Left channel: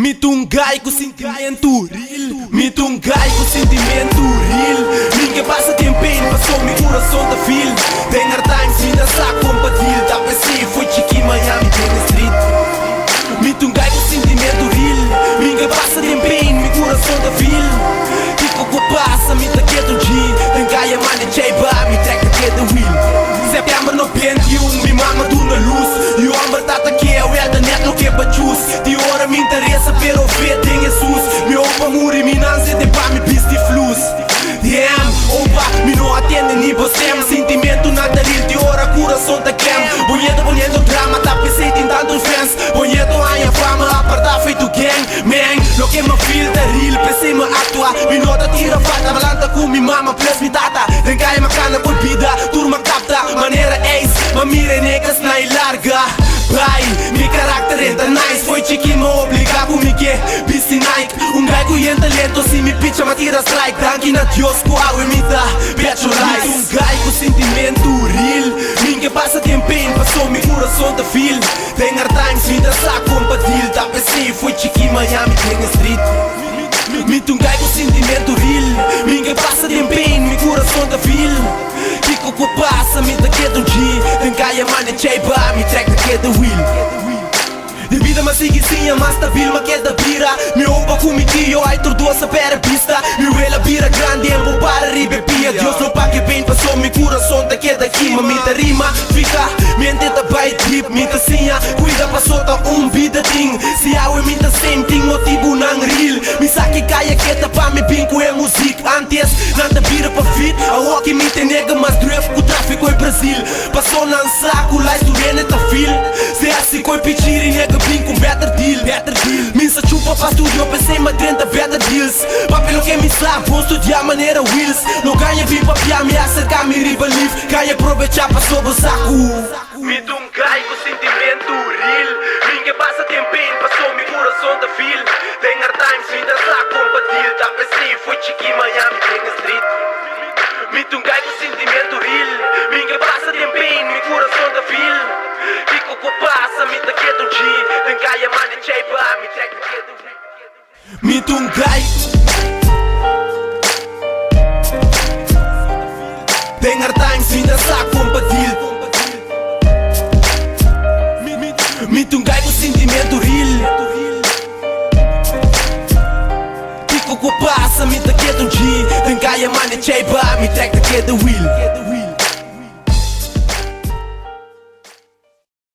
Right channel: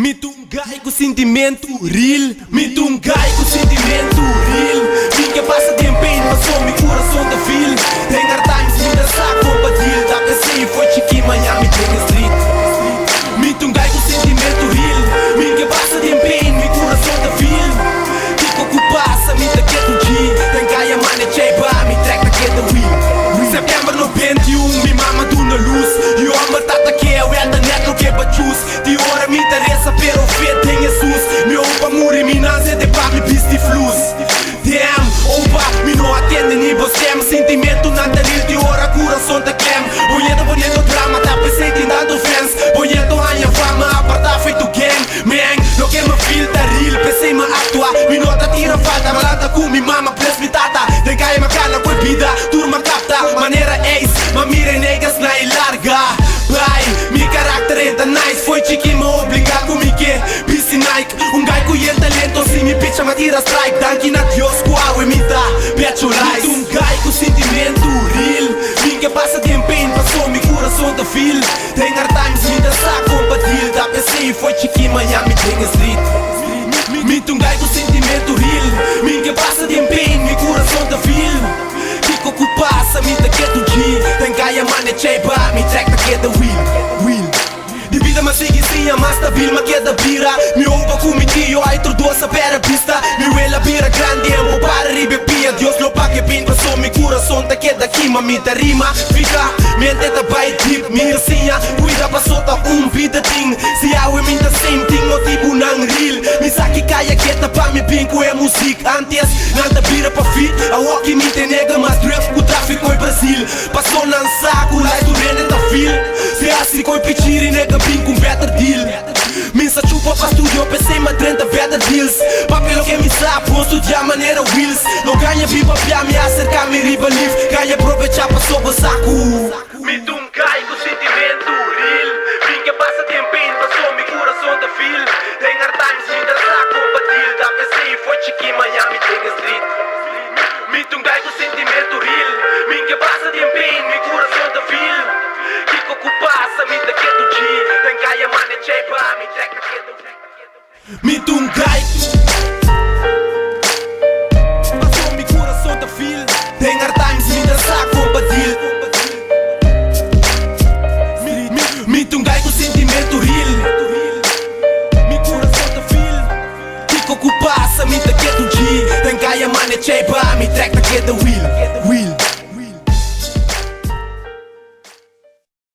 Mitungai com sentimento real, mitungai com sentimento real. Ninguém passa tempo em passou meu coração da fil. Tem hard times, me dançar compartilha. Da PC foi Chiqui, Miami, tem street. Mitungai com sentimento real. Ninguém passa tempo em meu coração da fil. Kiko que passa, me tá quieto dia. Tem caia, mano, cheiba, me track da queda wheel. September no 21, me mama tu na luz. E o amor tá aqui, é o ela net, não quer bachus. De hora me interessa, pero ver tem Jesus. Me opa, muri, me não se tem pra me piste flus. Damn, opa, me não atende nem você. Sentimento na nariz, de hora coração tá quem. Bonito drama, tá pensei em dado fans. Bonito a minha fama, apartar feito gang. Man, não quer me filta real, pensei me atuar. Me nota tira falta, malada com me mama, presbitata. De caia macana, cuipida, turma capta. Maneira ace, ma mire negas na e larga. Vai, mi carácter é nice. Foi Chiqui, me obrigar comigo, busy night. Gai com el talento, se me pitcha, ma tira strike. Danke na Dios, com água e me dá becho life. Gai com sentimento real. Ninguém passa tempo em passou meu coração da fil. Tem hard times, me dançar compartilha. Da PC foi Chiqui, Miami, tem street. Gai com sentimento real. Ninguém passa tempo em meu coração da fil. Kiko que passa, me tá quieto dia. Tem caia, mano, cheiba, me track da queda wheel. De vida mas sigue sim, mas tá vil, mas queda bira. Me ouva comigo, eu ai doce para a pista. Me vela bira grande, eu vou para ribepia. Deus não paga bem, passou meu coração tá queda aqui, me tá rima. Fica, mente tá bait deep, me tá sinha. Cuida, passou tá vida ting. Se há o me tá same thing, motivo não real. Me saque caia quieta pra me pinco é música. Antes, nada vira pra fit. A walk me te nega, mas drugs pro tráfico em Brasil. Passou na saco, lá estudando tá fil. Se assim coi pichir e nega pinco, better deal. Minsa chupa pra estúdio, pensei ma 30 better deals. Papel que me sabe, vou estudar maneira wheels. Não ganha bem pra piar, me acercar, me rivalif. Ganha aproveitar pra sob o saco. Me gai com sentimento real. Ninguém passa tempo em passou meu coração da fil. Tem hard times, me dançar compartilha. Da PC foi Chiqui, Miami, tem street. Me gai com sentimento real. Ninguém passa tempo em meu coração da fil. Kiko que passa, me tá quieto dia. Tem caia, mano, cheiba, me track da queda. Me gai